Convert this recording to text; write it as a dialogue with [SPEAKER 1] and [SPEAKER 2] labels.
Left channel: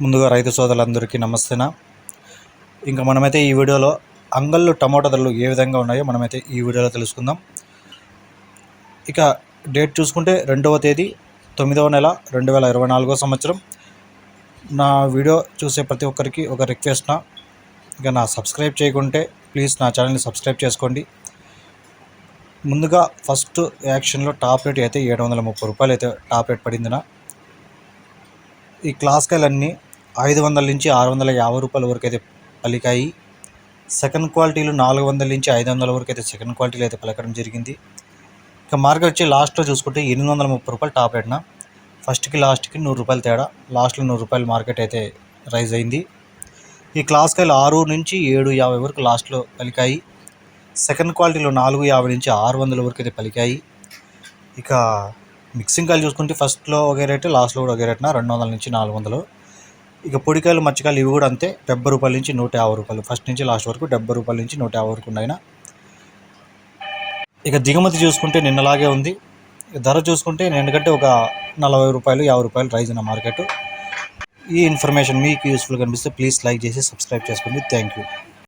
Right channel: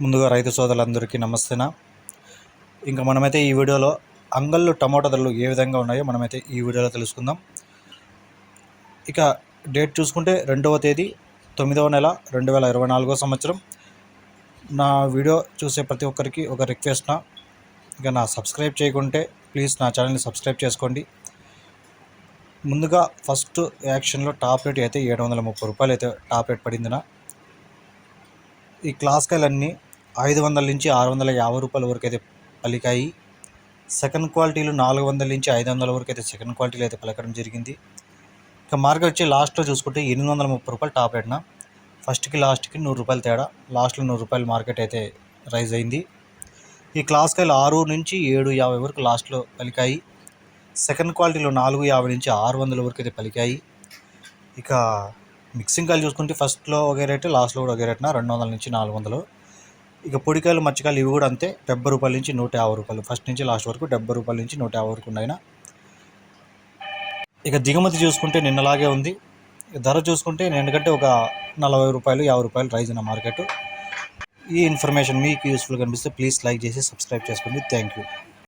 [SPEAKER 1] ముందుగా రైతు సోదరులందరికీ నమస్తేనా? ఇంకా మనమైతే ఈ వీడియోలో అంగళ్ళు టమాటా ధరలు ఏ విధంగా ఉన్నాయో మనమైతే ఈ వీడియోలో తెలుసుకుందాం. ఇక డేట్ చూసుకుంటే రెండవ తేదీ తొమ్మిదవ నెల రెండు వేల ఇరవై నాలుగో సంవత్సరం. నా వీడియో చూసే ప్రతి ఒక్కరికి ఒక రిక్వెస్ట్ నా ఇక నా సబ్స్క్రైబ్ చేయకుంటే ప్లీజ్ నా ఛానల్ని సబ్స్క్రైబ్ చేసుకోండి. ముందుగా ఫస్ట్ యాక్షన్లో టాప్ రేట్ అయితే ఏడు వందల ముప్పై రూపాయలు అయితే టాప్ రేట్ పడింది ఈ క్లాస్కాయలన్నీ ఐదు వందల నుంచి ఆరు వందల యాభై రూపాయల వరకు అయితే పలికాయి. సెకండ్ క్వాలిటీలు నాలుగు వందల నుంచి ఐదు వందల వరకు అయితే సెకండ్ క్వాలిటీలు అయితే పలకడం జరిగింది. ఇక మార్కెట్ వచ్చి లాస్ట్లో చూసుకుంటే ఎనిమిది వందల ముప్పై రూపాయలు టాప్ ఎట్న ఫస్ట్కి లాస్ట్కి నూరు రూపాయలు తేడా. లాస్ట్లో నూరు రూపాయలు మార్కెట్ అయితే రైజ్ అయింది. ఈ క్లాస్కాయలు ఆరు నుంచి ఏడు యాభై వరకు లాస్ట్లో పలికాయి. సెకండ్ క్వాలిటీలో నాలుగు యాభై నుంచి ఆరు వందల వరకు అయితే పలికాయి. ఇక మిక్సింగ్ కాయలు చూసుకుంటే ఫస్ట్లో ఒకే రేటు లాస్ట్లో కూడా ఒకే రేటున రెండు వందల నుంచి నాలుగు వందలు. ఇక పొడికాయలు మచ్చకాయలు ఇవి కూడా అంతే. డెబ్బై రూపాయల నుంచి నూట యాభై రూపాయలు. ఫస్ట్ నుంచి లాస్ట్ వరకు డెబ్బై రూపాయల నుంచి నూట యాభై వరకు ఉన్నాయి ఇక దిగుమతి చూసుకుంటే నిన్నలాగే ఉంది. ధర చూసుకుంటే నిన్నకంటే ఒక నలభై రూపాయలు యాభై రూపాయలు రైజ్ ఉన్న మార్కెట్. ఈ ఇన్ఫర్మేషన్ మీకు యూస్ఫుల్ కనిపిస్తే ప్లీజ్ లైక్ చేసి సబ్స్క్రైబ్ చేసుకోండి. Thank you